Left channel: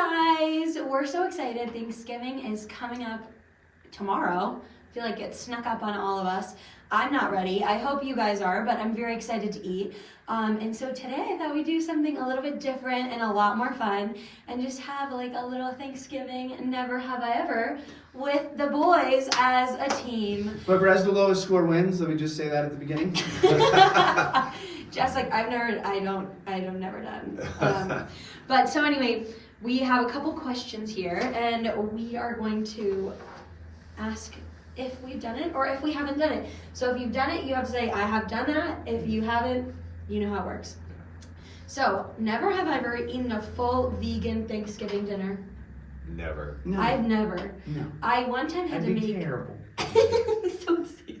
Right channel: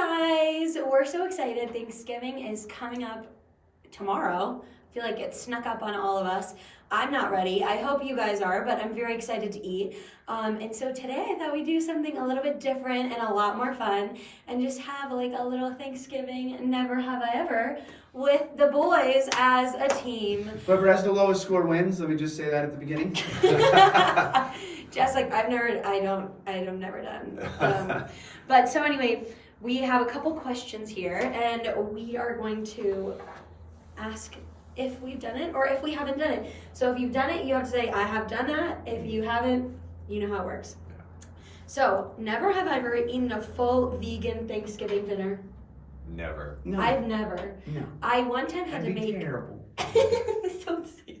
guys, we're so excited. Thanksgiving is coming up tomorrow. I feel like it snuck up on all of us. I'm not ready. I hope you guys are, but I'm very excited to eat. And so today I thought we'd do something a little bit different and a lot more fun and just have like a little Thanksgiving never have I ever with the boys as a team. Whoever has the lowest score wins. Let me just say that at the beginning. Just like I'm never done. But so anyway, we have a couple questions here and we are going to ask if we've done it or if we haven't done it. So if you've done it, you have to say, I have done that. If you haven't, you know how it works. So, never have I ever eaten a full vegan Thanksgiving dinner. Never. No. I've never. No. I one time had That'd to be make... terrible. Don't say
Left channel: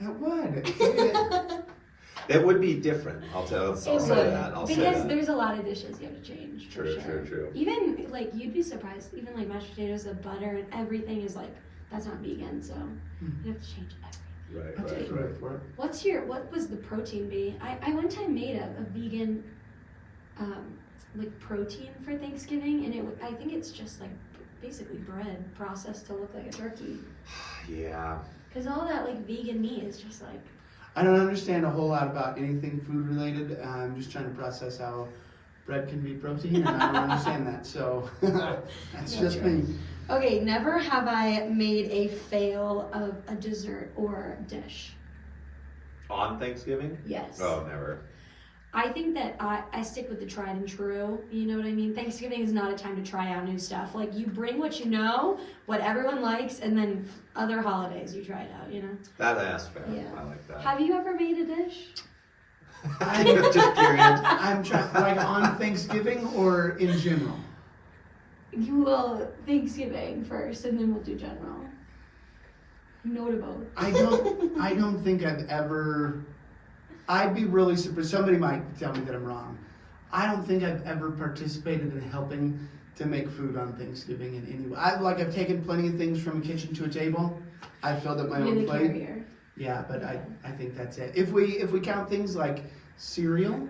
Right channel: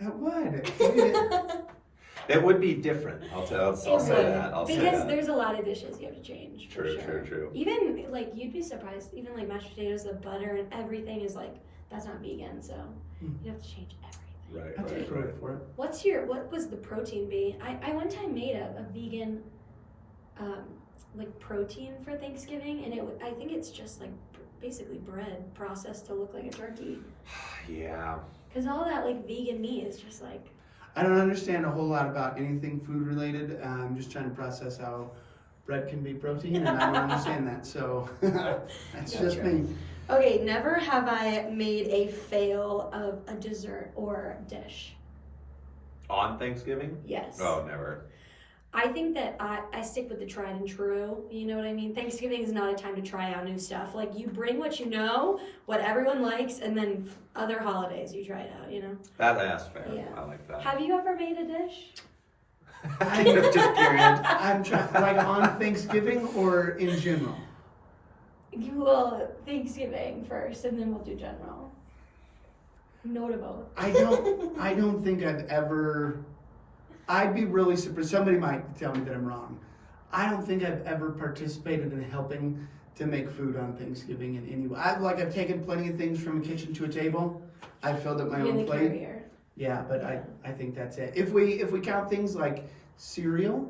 It would. It would be different. I'll say that. I'll say because that. there's a lot of dishes you have to change. For True, sure. true. Even, like, you'd be surprised. Even, like, mashed potatoes, the butter, and everything is, like, that's not vegan, so you have to change everything. Right. What was the protein be? I one time made a vegan, like protein for Thanksgiving, and I think it's just like basically bread processed to look like a turkey. Yeah. Cause all that like vegan meat is just like. I don't understand a whole lot about anything food related. I'm just trying to process how bread can be protein, and I don't understand that. So that's just me. Okay, never have I made a fail of a dessert or dish. On Thanksgiving? Yes. Oh, never. I think that I stick with the tried and true. You know what I mean? Thanksgiving is not a time to try out new stuff. Like, you bring what you know, what everyone likes, and then other holidays you try it out, you know? That's fair. Yeah. I like that. Have you ever made a dish? Just period. I'm trying, like on Thanksgiving or in general? You will Thanksgiving first, and then we'll do general. Notable. I don't think I've ever. I'd be really surprised. Somebody might tell me that I'm wrong. I don't think I've ever participated in helping to make food on Thanksgiving in any way. I've taken plenty of things from a kitchen to a table. I've filled up my own plate. Carrier. Yeah, but I think that's it. If we count things like cereal,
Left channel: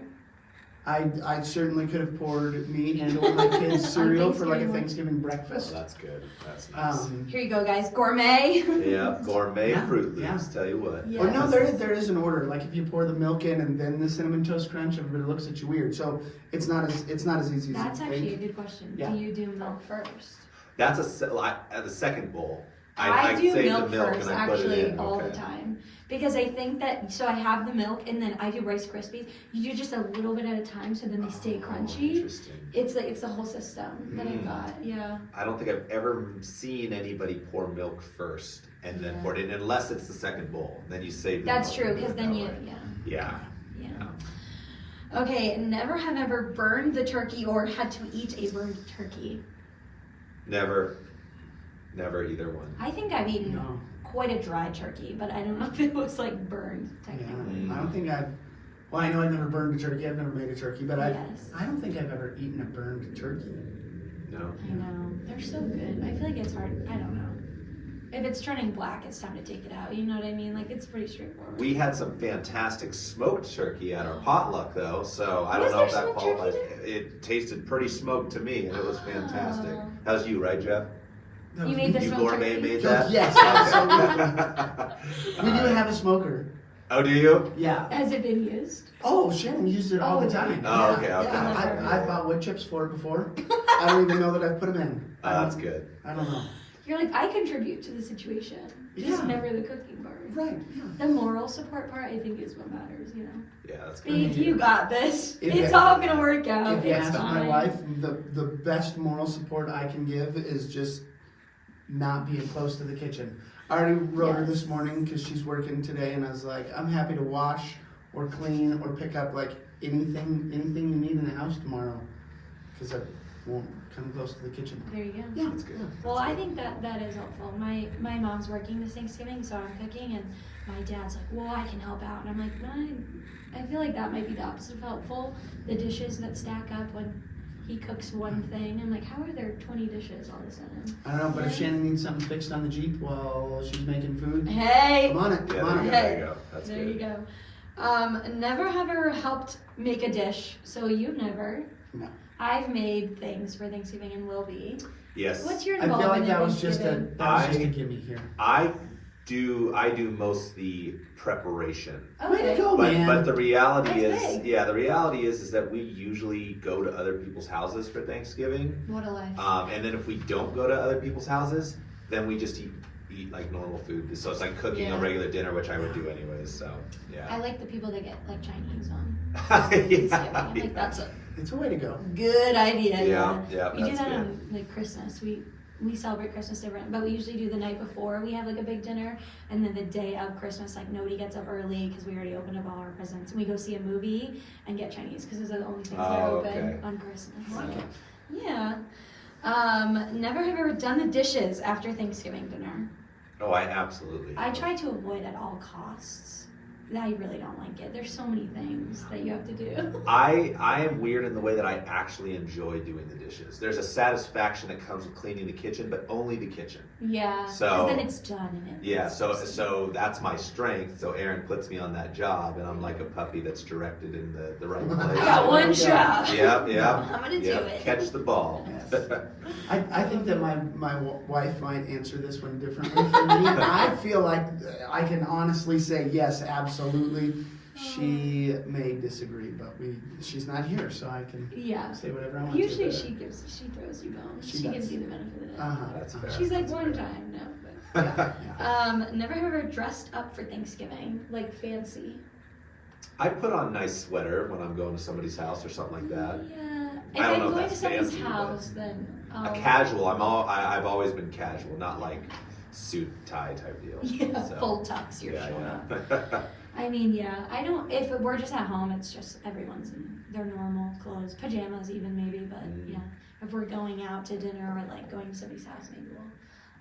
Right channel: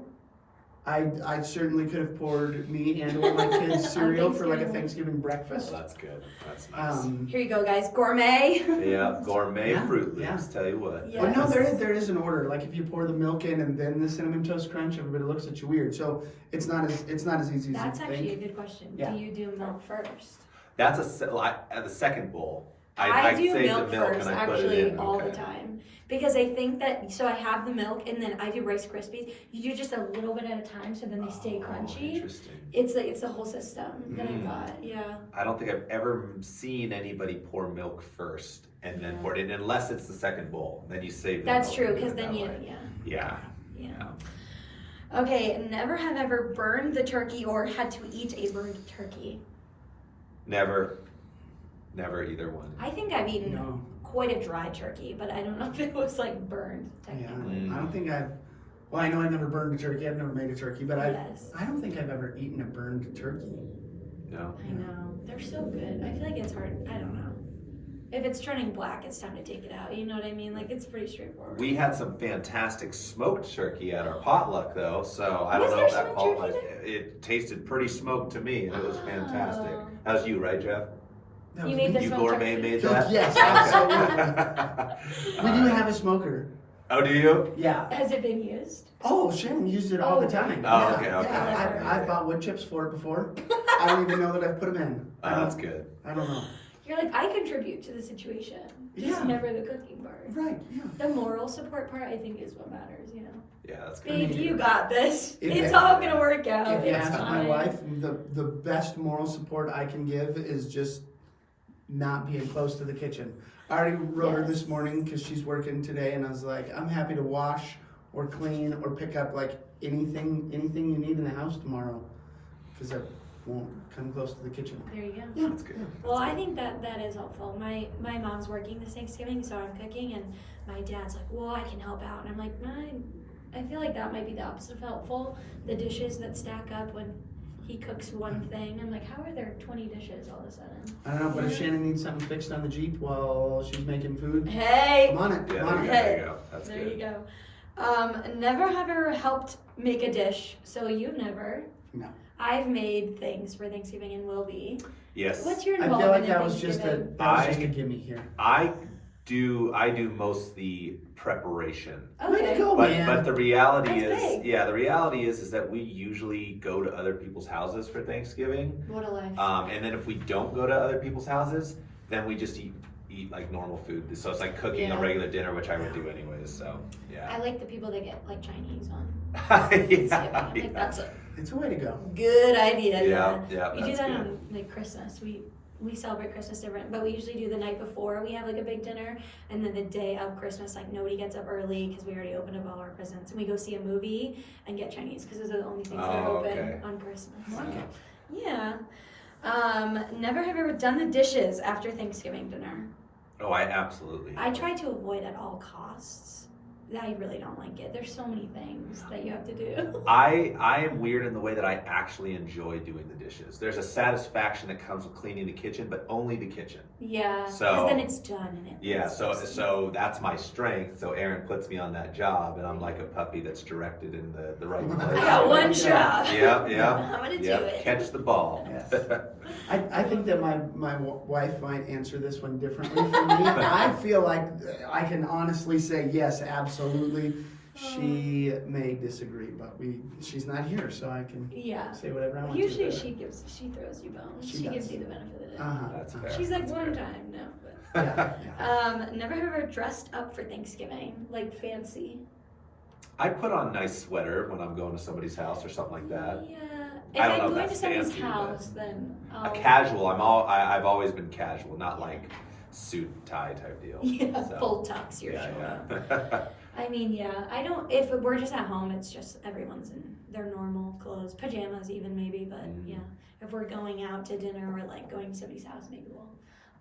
I certainly could have poured me and or my kids cereal for like a Thanksgiving breakfast. Oh, that's good. That's nice. Here you go, guys. Gourmet. Yeah, gourmet Yeah, Fruit Loops. yeah. Tell you what. Yes. Oh no, there is an order. Like if you pour the milk in and then the cinnamon toast crunch, everybody looks at you weird. So it's not as easy That's as you actually think. a good question. Yeah. Do you do milk first? That's the second bowl. I do save milk the milk first, and I put it actually, in. all the Okay. time. Because I think that, so I have the milk, and then I do Rice Krispies. You do just a little bit at a time, so then they stay Oh, crunchy. Interesting. It's the whole system that I got, yeah. I don't think I've ever seen anybody pour milk first and then pour it in, unless it's the second bowl. Then you save the That's milk true, and do because it then that you, way. yeah. Yeah. Okay, never have ever burned the turkey or had to eat a burned turkey. Never either one. I think I've eaten No. quite a dry turkey, but I don't know if it was like burned, Yeah, technically. I don't think I've. Well, I know I've never burned a turkey. I've never made a turkey, but Yes. I don't think I've ever eaten a burned turkey. No. I know. They're so good. I feel like it's hard. I don't know. If it's turning black, it's time to take it out. You know what I mean? Like, it's pretty straightforward. We had some fantastic smoked turkey at our potluck, though, so I don't Was know there if that smoked qualifies. turkey It tasted pretty smoked to me, and it was fantastic. Oh. How's you, right, Jeff? That You was made me. the You smoked gourmet turkey? made that? Yes, absolutely. We do have a smoker. Oh, do you? Yeah. Has it been used? Oh, Sharon uses it all Oh, the time. Oh, okay. Yeah, I've bought wood chips for it before. I don't even know that I've put them in. That's good. I don't know. You're like, I contribute to the situation. Just Yeah. never the cooking part. Right, yeah. The moral support part, I think, is what matters, you know? Yeah, that's Babe, good. you got this. If It's you- all gonna work out. If you It's ask my fine. wife, the best moral support I can give is just not being close to the kitchen. I already wrote her this Yes. morning because she's working today, and I was like, I'm happy to wash or clean or pick up like anything you need in the house tomorrow, because I won't come close to the kitchen. There you go. Yeah, That's good. Well, I think that is helpful. My mom's working this Thanksgiving, so I'm cooking, and my dad's like, well, I can help out. And I'm like, I feel like that might be the opposite of helpful. The dishes that stack up when he cooks one thing. I'm like, how are there 20 dishes all of a sudden? I don't know, but if Yeah. Shannon needs something fixed on the Jeep while she's making food, Hey! come on it, Yeah, come on there it. you go. That's There good. you go. Never have ever helped make a dish. So you've never. No. I've made things for Thanksgiving and will be. Yes. What's your I feel involvement like that in was just a Thanksgiving? gimme here. I do most the preparation. Way to Okay. go, man. But the reality That's is, big. yeah, the reality is that we usually go to other people's houses for Thanksgiving. What a life. And then if we don't go to other people's houses, then we just eat like normal food. So it's like cooking Yeah. a regular dinner, which I would do anyways. So I yeah. like the people that get like Chinese on yeah, Thanksgiving. I'm like, yeah. that's a It's a way to go. good idea. Yeah, We do that's that good. on like Christmas. We celebrate Christmas different, but we usually do the night before. We have like a big dinner, and then the day of Christmas, like nobody gets up early because we already opened up all our presents, and we go see a movie and get Chinese because those are the only things that are Oh, open okay. on Christmas. Yeah. Yeah. Never have you ever done the dishes after Thanksgiving dinner. Oh, I absolutely. I try to avoid at all costs. I really don't like it. There's so many things that you have to do. I am weird in the way that I actually enjoy doing the dishes. There's a satisfaction that comes with cleaning the kitchen, but only the kitchen. Yeah, So- because then it's done. And it Yeah, looks so that's my strength. So Aaron puts me on that job, and I'm like a puppy that's directed in the right place. I got one Yeah. job. Yeah. I'm gonna do Yep, it. catch the ball. Yes. I think that my wife might answer this one differently from me. I feel like I can honestly say yes, absolutely. She may disagree, but she's not here, so I can Yeah. say whatever I want Usually to. she throws you bones. She She does. gives you the benefit of the doubt. Uh-huh. That's fair. She's like That's one fair. time, no. But Yeah. never have ever dressed up for Thanksgiving, like fancy. I put on nice sweater when I'm going to somebody's house or something like that. Yeah. If I don't I'm know if going to that's somebody's fancy, but- house, then I'll A casual. I've always been casual, not like suit tie type deal. Yeah, So, full tux. You're yeah, showing up. yeah. I mean, yeah, I don't. If we're just at home, it's just everyone's in their normal clothes, pajamas even maybe. But Mm. yeah, if we're going out to dinner or like going to somebody's house, maybe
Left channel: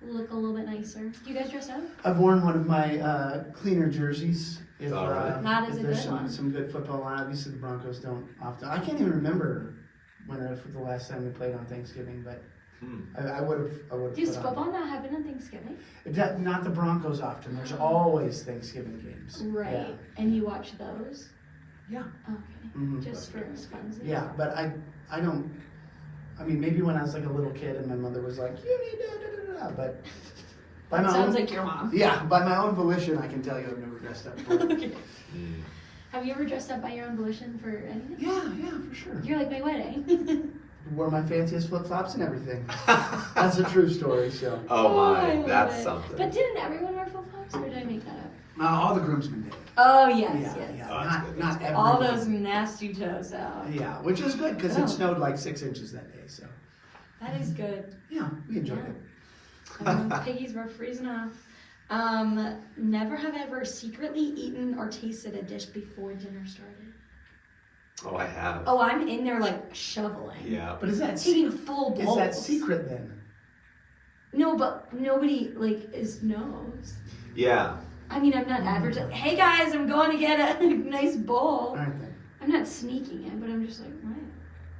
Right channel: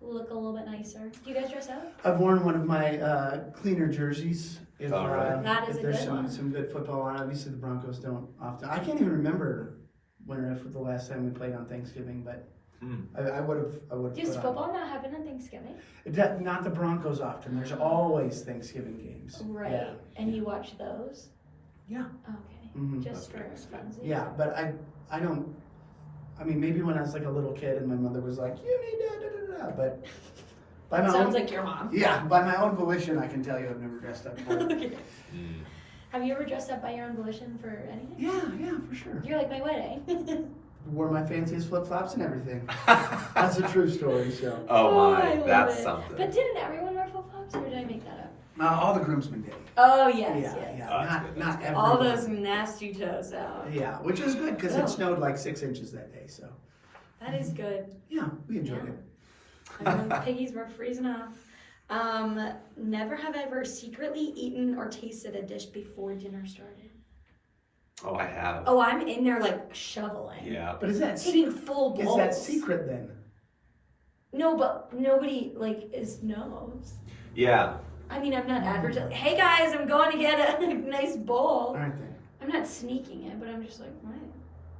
we'll look a little bit nicer. Do you guys dress up? I've worn one of my cleaner jerseys. If, All right. That is if a there's good some, one. some good football on. Obviously, the Broncos don't often. I can't even remember when or if the last time we played on Thanksgiving, but Hmm. I would have. Does football not happen on Thanksgiving? Not the Broncos often. There's always Thanksgiving games. Right. Yeah. And you watch those? Yeah. Okay. Mhm. Just for funsies? Yeah, but I don't. I mean, maybe when I was like a little kid and my mother was like, "You need to," da, da, da, but by my Sounds own, like your mom. yeah, by my own volition, I can tell you I've never dressed up. For it. Okay. Mm. Have you ever dressed up by your own volition for anything? Yeah, for sure. You're like my wedding. Wore my fanciest flip flops and everything. That's a true story. So Oh I my, love that's it. something. But didn't everyone wear flip flops, or did I make that up? all the groomsmen did. Oh yes, Yeah, yes. yeah. Oh, that's not good, not that's everyone. All those nasty toes out. Yeah, which is good because Oh. it snowed like 6 inches that day. So That is good. yeah, we enjoyed Yeah. it. I mean, piggies were freezing off. Never have ever secretly eaten or tasted a dish before dinner started. Oh, I have. Oh, I'm in there like shoveling. Yeah. But is that Taking full is bowls. that secret then? No, but nobody like knows. Yeah. I mean, I'm not advertising. Hey guys, I'm going to get a nice bowl. All right then. I'm not sneaking it, but I'm just like, right,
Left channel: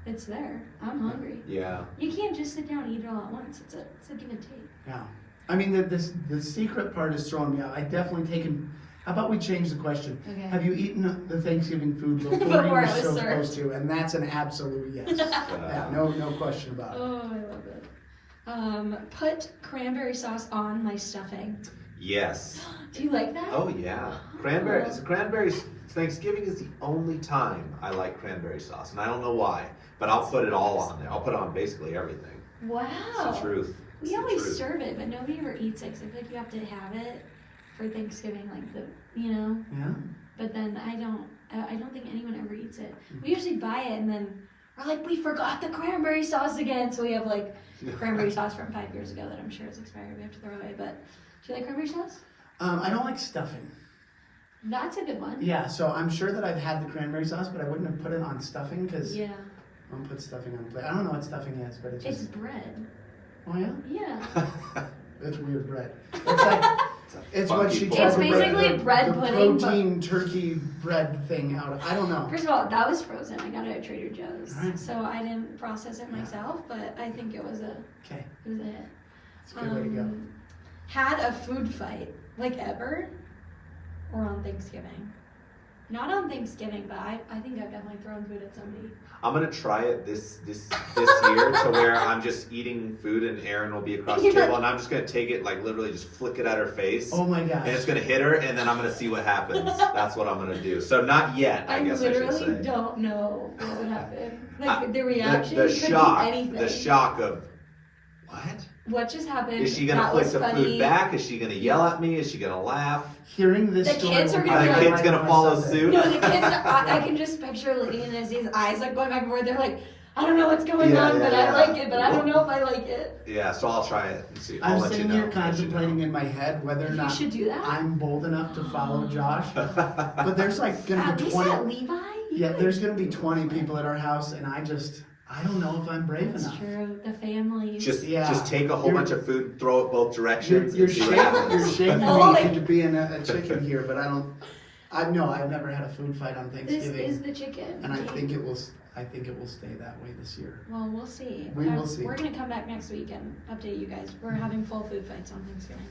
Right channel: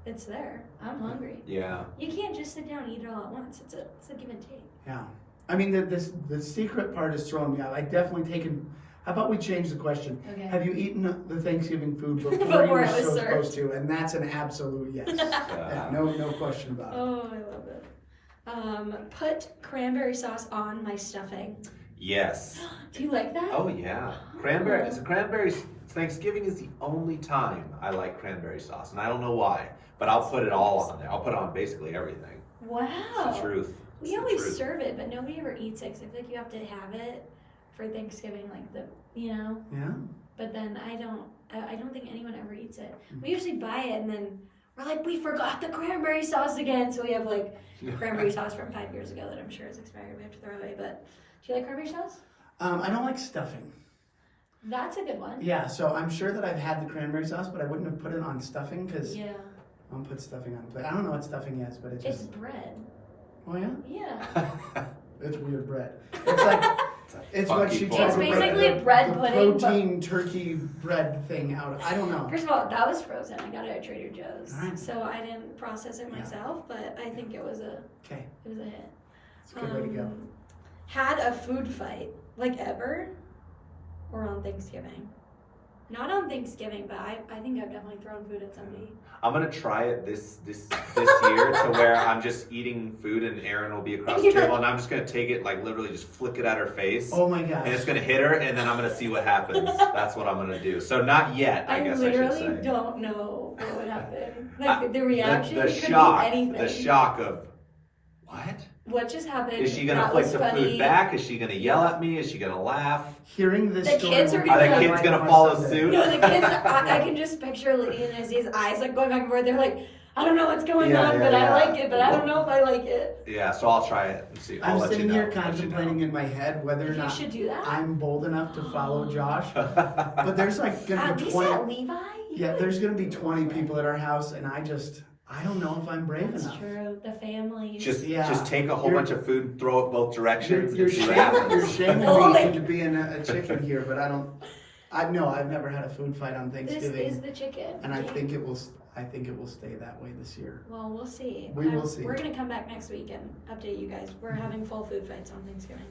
it's there. I'm hungry. Yeah. You can't just sit down and eat it all at once. It's a give and take. Yeah. I mean, the secret part is throwing me out. I definitely taken. How about we change the question? Okay. Have you eaten the Thanksgiving food before you Before were it was supposed served. to? And that's an absolute yes. Yeah, no question about it. Oh, I love it. Put cranberry sauce on my stuffing. Yes. Do you like that? Oh yeah. Cranberry. So cranberries. Thanksgiving is the only time I like cranberry sauce, and I don't know why, but I'll put it all on there. I'll put on basically everything. Wow. It's the truth. It's We the always truth. serve it, but nobody ever eats it. 'Cause I feel like you have to have it for Thanksgiving, like Yeah. But then I don't think anyone ever eats it. We usually buy it and then we're like, we forgot the cranberry sauce again. So we have like cranberry sauce from 5 years ago that I'm sure is expired. We have to throw away. But do you like cranberry sauce? I don't like stuffing. That's a good one. Yeah, so I'm sure that I've had the cranberry sauce, but I wouldn't have put it on stuffing because Yeah. I don't put stuffing on the plate. I don't know what stuffing is, but it's It's just. bread. Oh yeah, Yeah. it's weird bread. It's like. It's what funky she form tried It's to of break basically the, bread the pudding, but- protein turkey bread thing out of. I don't know. First of all, that was frozen. I got it at Trader Joe's. Alright. So I didn't process it Yeah. myself, but I think it was a Okay, hit. it's a good way to go. Had a food fight, like ever? Or on Thanksgiving? Not on Thanksgiving, but I think I've definitely thrown food at somebody. I'm gonna try it this year to where I'm just eating food and Erin will be across the table and I'm just gonna take it, like literally just flick it at her face. Oh my gosh. And it's gonna hit her and then I'm gonna see what happens. That's what I'm gonna do. So not yet, I guess I should literally say. don't know what would happen. Like the reaction The could shock, be anything. the shock of, what? What just happened? Is she gonna That flick was the funny. food back? Is she gonna yell at me? Is she gonna laugh? Hearing this The story kids are will be gonna Are the be kids right gonna on follow Sunday. suit? No, the kids, I can just picture Lydia and Izzy's eyes like going back and forth. They're like, I don't know what's going Yeah, on, yeah, but yeah. I like it, but I don't know if I like it. Yeah, so I'll try it and see. I'll I'm let you sitting know. here Let you know. contemplating in my head whether or You not should do that. I'm bold enough to follow Josh. But there's like gonna At be least 20. at Levi? Yeah, there's gonna be 20 people at our house, and I don't know if I'm brave That's enough. true. The family. Just take a whole You're- bunch of food, throw it both directions, You're and see what you're happens. shaming Oh, me like- into being a chicken here, but I've never had a food fight on This Thanksgiving, is the chicken. and I think it will stay that way this year. Well, we'll see. We will see. We're gonna come back next week and update you guys. We're having full food fights on Thanksgiving.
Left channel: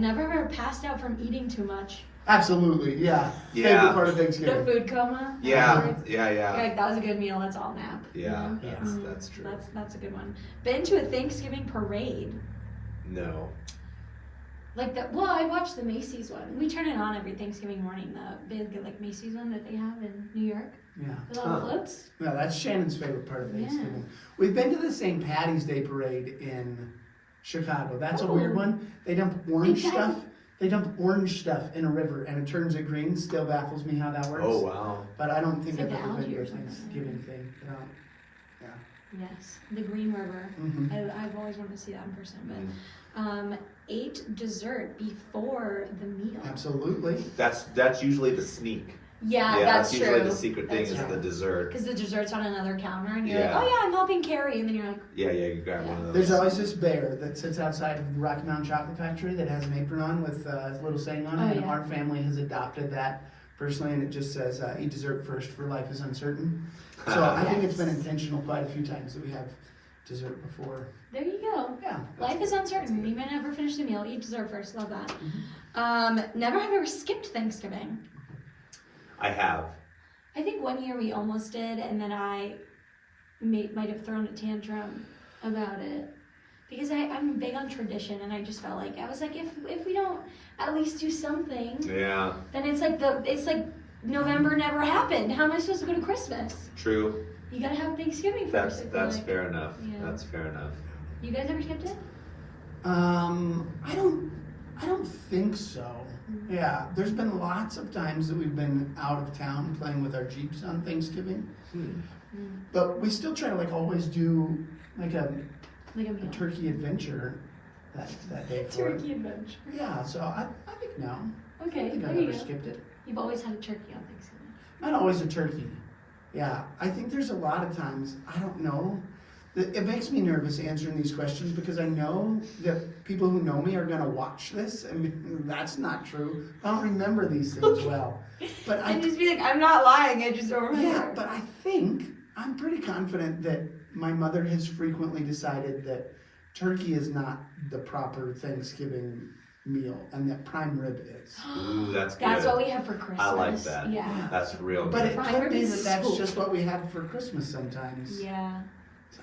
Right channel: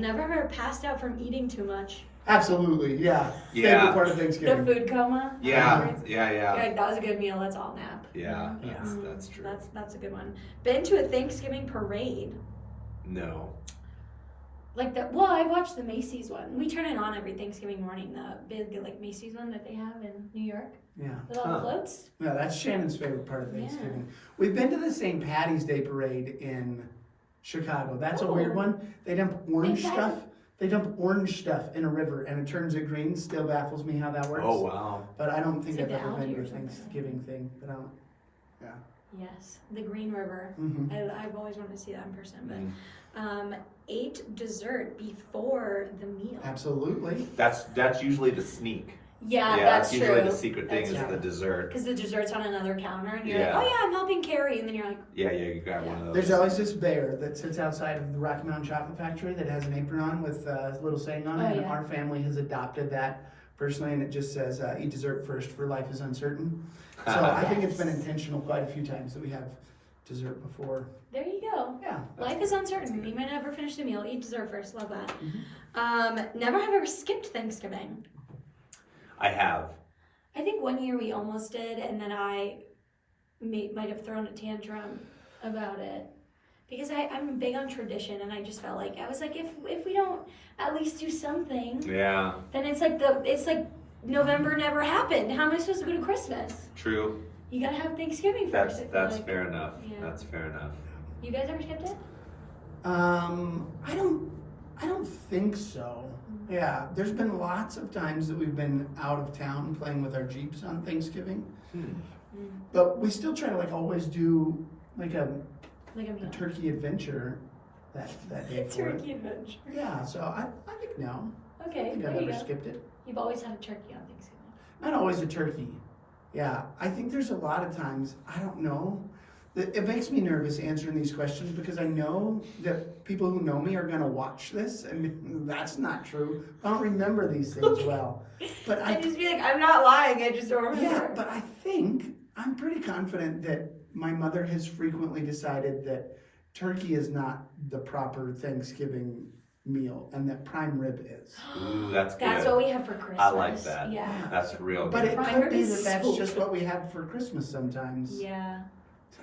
Never ever passed out from eating too much. Absolutely, yeah. Yeah. Favorite part of The Thanksgiving. food coma. Yeah, afterwards. yeah, You're yeah. like, that was a good meal. Let's all nap. Yeah, You know? that's true. That's a good one. Been to a Thanksgiving parade. No. Like I watched the Macy's one. We turn it on every Thanksgiving morning. The big like Macy's one that they have in New York Yeah. with all the floats. No, that's Shannon's favorite part of Yeah. Thanksgiving. We've been to the St. Patty's Day parade in Chicago. That's a weird Oh. one. They dump orange St. Patty- stuff. They dump orange stuff in a river and it turns it green. Still baffles me how that works. Oh wow. But I don't think It's I've like ever the been to algae a or something. Thanksgiving thing. But I don't. Yes, the Green River. Mhm. I've always wanted to see that in person. Mm. But ate dessert before the meal. Absolutely. That's usually the sneak. Yeah, Yeah, that's true. usually the secret thing That's is true. the dessert. Because the dessert's on another counter, and you're Yeah. like, oh yeah, I'm helping carry, and then you're like, Yeah, you grab one of those. There's always this bear that sits outside of the Rocky Mountain Chocolate Factory that has an apron on with a little saying on it. Oh, And yeah. our family has adopted that personally, and it just says, eat dessert first, for life is uncertain. So I think it's been Yes. intentional quite a few times that we have dessert before. there you go. Yeah. Life is uncertain. You might never finish the meal. Eat dessert first. Love that. Mm-hmm. Never have ever skipped Thanksgiving. I have. I think one year we almost did, and then I might have thrown a tantrum about it. Because I'm big on tradition, and I just felt like, I was like, if we don't at least do something, Yeah. then it's like November never happened. How am I supposed to go to Christmas? True. You gotta have Thanksgiving first. I feel That's like. fair enough. Yeah. That's fair enough. You guys ever skipped it? I don't think so. Yeah, there's been lots of times that we've been out of town playing with our Jeeps on Thanksgiving. But we still try to like always do like a Like a meal. turkey adventure that day for it. Turkey adventure. Yeah, so I think no. I Okay, think there I've you never go. skipped it. You've always had a turkey on Thanksgiving. Not always a turkey. Yeah, I think there's a lot of times, I don't know. It makes me nervous answering these questions because I know that people who know me are going to watch this, and that's not true. I don't remember these things well. But I just be like, I'm not lying, I just don't remember. yeah, but I think I'm pretty confident that my mother has frequently decided that turkey is not the proper Thanksgiving meal and that prime rib is. Ooh, that's good. That's what we have for Christmas. I like that. Yeah. That's real But good. it Prime could rib be is that that's so just good. what we have for Christmas sometimes. Yeah.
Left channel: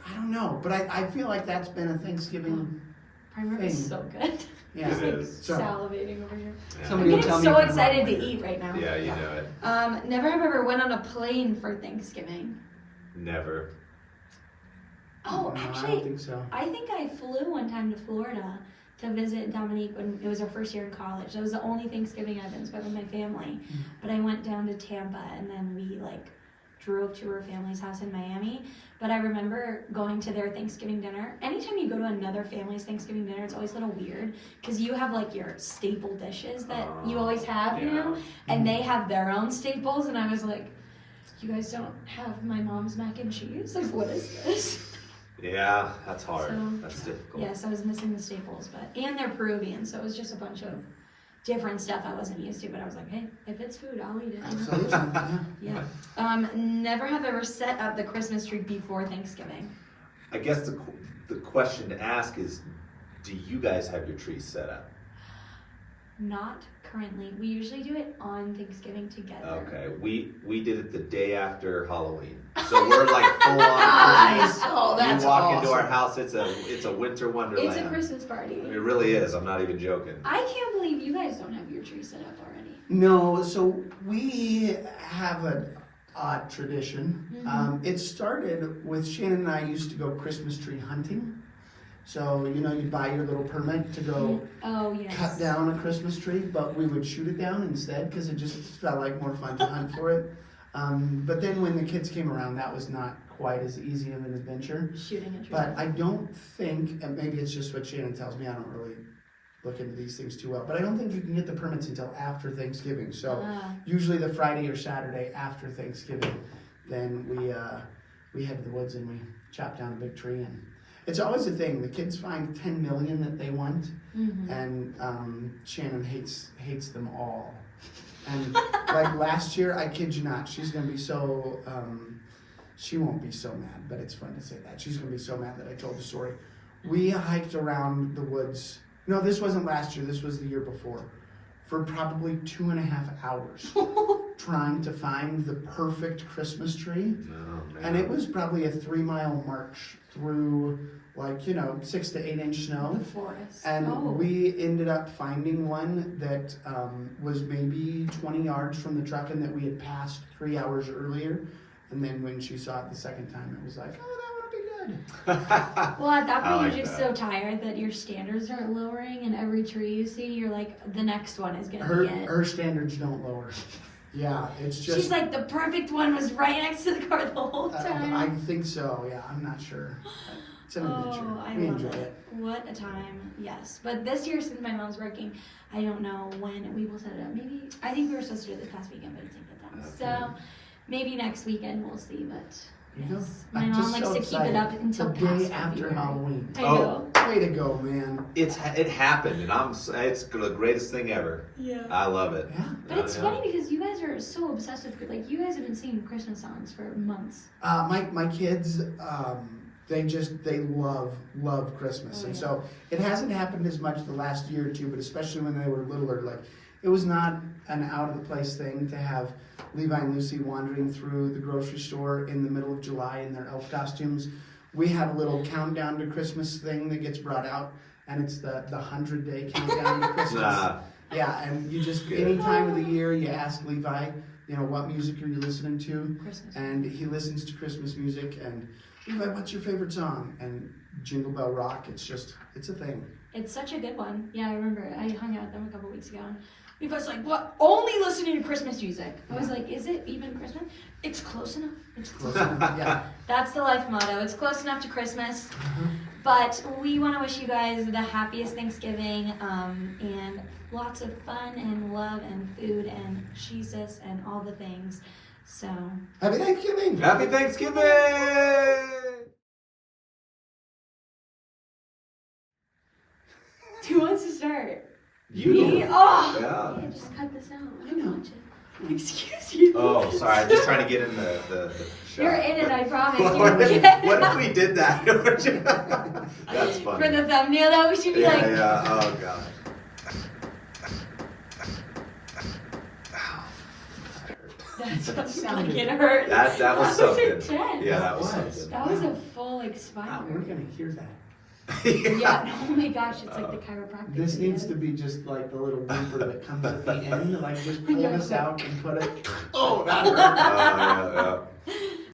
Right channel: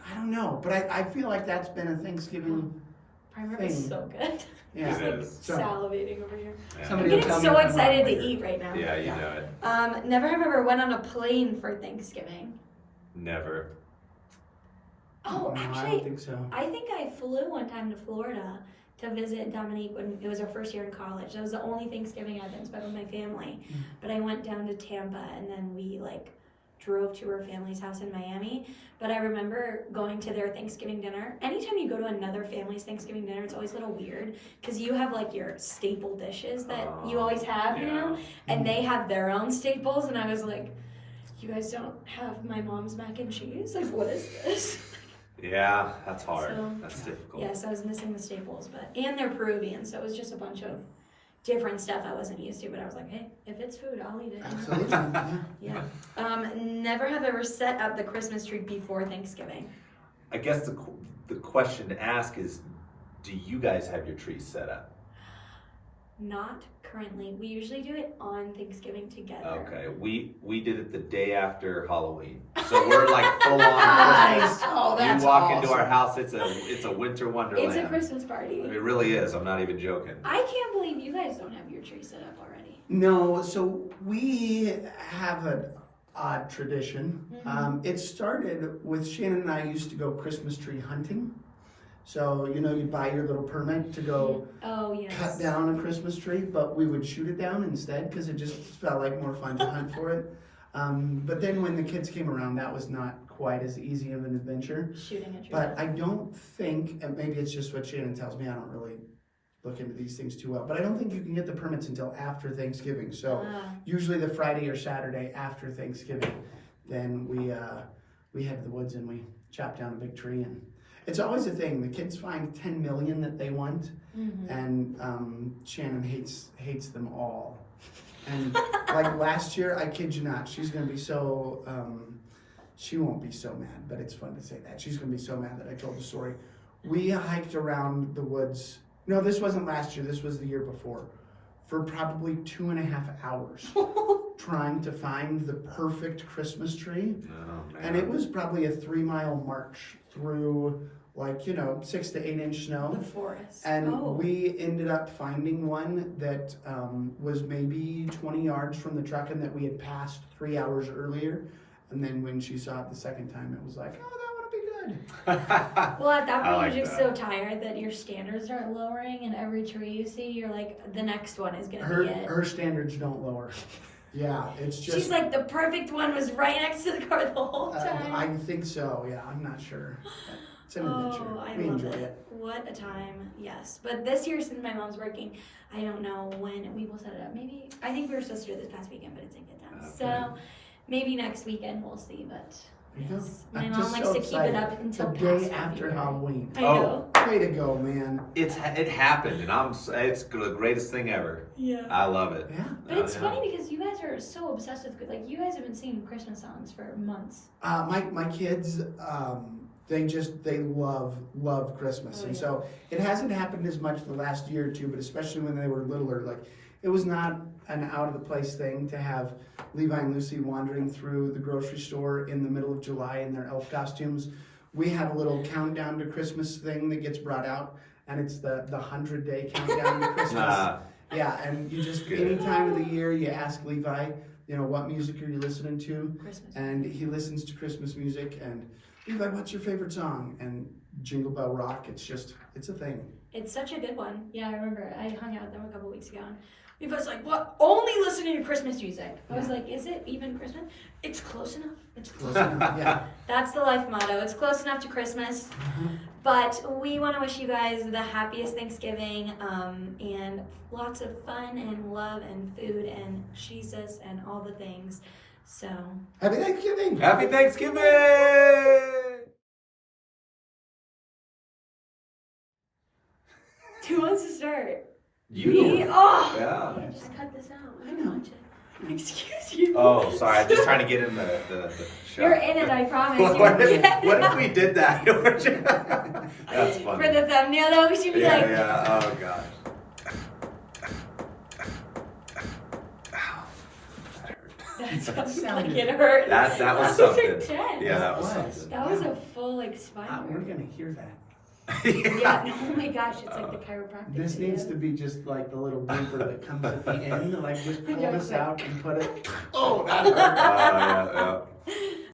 I don't know, but I feel like that's been a Thanksgiving. Prime rib is Thing. so good. Yeah. It is. So, Salivating over here. Yeah. Somebody I'm will tell getting me so if I'm excited wrong to later. eat right now. Yeah, you know it. Never have ever went on a plane for Thanksgiving. Never. Oh, No, I actually, don't think so. I think I flew one time to Florida to visit Dominique when it was our first year in college. That was the only Thanksgiving I've been spent with my family. But I went down to Tampa and then we drove to her family's house in Miami. But I remember going to their Thanksgiving dinner. Anytime you go to another family's Thanksgiving dinner, it's always a little weird because you have your staple dishes that you always have, you know, and they have their own staples. And I was like, you guys don't have my mom's mac and cheese? Like, what is this? Yeah, that's hard. So, That's difficult. Yes, I was missing the staples, and they're Peruvian, so it was just a bunch of different stuff I wasn't used to. But I was like, hey, if it's food, I'll eat it. Absolutely. Yeah. Yeah. Never have ever set up the Christmas tree before Thanksgiving. I guess the question to ask is, do you guys have your trees set up? Not currently. We usually do it on Thanksgiving together. Okay, we did it the day after Halloween, so we're like full on Christmas. Oh, that's You walk awesome. into our house, it's a winter wonderland. It's a Christmas party. It really is. I'm not even joking. I can't believe you guys don't have your tree set up already. No, so we have an odd tradition. Mm-hmm. It started with Shannon and I used to go Christmas tree hunting. So, you know, you buy your little permit to go Oh, yes. cut down a Christmas tree, but we would shoot it down instead because it just felt like more fun to hunt for it. But then when the kids came around, that was not quite as easy of an adventure. Shooting a tree. But I don't think, and maybe it's just what Shannon tells me, I don't really look into these things too well, but I don't think you can get the permits until after Thanksgiving. So usually the Friday or Saturday after Thanksgiving, then we head to the woods and we chop down a big tree. And it's always a thing. The kids find 10 million that they want, and Shannon hates them all. And like last year, I kid you not, she's gonna be so. She won't be so mad, but it's fun to say that. She's gonna be so mad that I told the story. We hiked around the woods. No, this wasn't last year. This was the year before, for probably 2.5 hours, trying to find the perfect Christmas tree. Oh, man. And it was probably a 3-mile march through, like, you know, 6 to 8 inch snow. The forest. And we ended up finding one that was maybe 20 yards from the truck and that we had passed 3 hours earlier. And then when she saw it the second time, it was like, oh, that would be good. Well, at that I point, like you're just that. so tired that your standards aren't lowering, and every tree you see, you're like, the next one is gonna Her be it. her standards don't lower. Yeah, it's just. She's like, the perfect one was right next to the car the whole time. I think so. Yeah, I'm not sure. It's an adventure. I We love enjoy it. it. What a time, yes. But this year, since my mom's working, I don't know when we will set it up. Maybe, I think we were supposed to do it this past weekend, but it didn't get done. Okay. So maybe next weekend we'll see, but You know, yes. My I'm mom just likes so to keep it up excited. until the day past after February. Halloween. I Oh. know. Way to go, man. It happened, and it's the greatest thing ever. Yeah. I love it. Yeah. But it's funny because you guys are so obsessive. Like, you guys have been singing Christmas songs for months. My kids, they love Christmas, Oh, and yeah. so it hasn't happened as much the last year or two. But especially when they were littler, like it was not an out of the place thing to have Levi and Lucy wandering through the grocery store in the middle of July in their elf costumes. We have a little countdown to Christmas thing that gets brought out, and it's the 100-day countdown to Christmas. Nah. Yeah, and you just Good. any time of the year you ask Levi, you know, what music are you listening to? Christmas. And he listens to Christmas music. And Levi, what's your favorite song? And Jingle Bell Rock. It's a thing. It's such a good one. Yeah, I remember. I hung out with them a couple weeks ago. And Levi's like, what? Only listening to Christmas music. I was like, is it even Christmas? It's close enough. It's close enough. Yeah. That's the life motto. It's close enough to Christmas. But we want to wish you guys the happiest Thanksgiving and lots of fun and love and food and Jesus and all the things. So, Happy Thanksgiving. Happy Thanksgiving! who wants to start? You. Me? Oh! Yeah. Yeah, just cut this out. I I don't know. watch it. Excuse you. Oh, sorry. I'm just trying to get in the shot. You're in it, I promise. what, You're if we did that? That's funny. For the thumbnail, though, we should be yeah, like. yeah. Oh gosh. That sounds like it hurt. That was was something. intense. Yeah, that was What? something. That was a full like Wow, spine. we're gonna hear that. Yeah. Oh my gosh, it's like the chiropractic. This video. needs to be just like the little blooper that comes at the end. Like just pull this out and put it. Oh, that hurt. Yeah.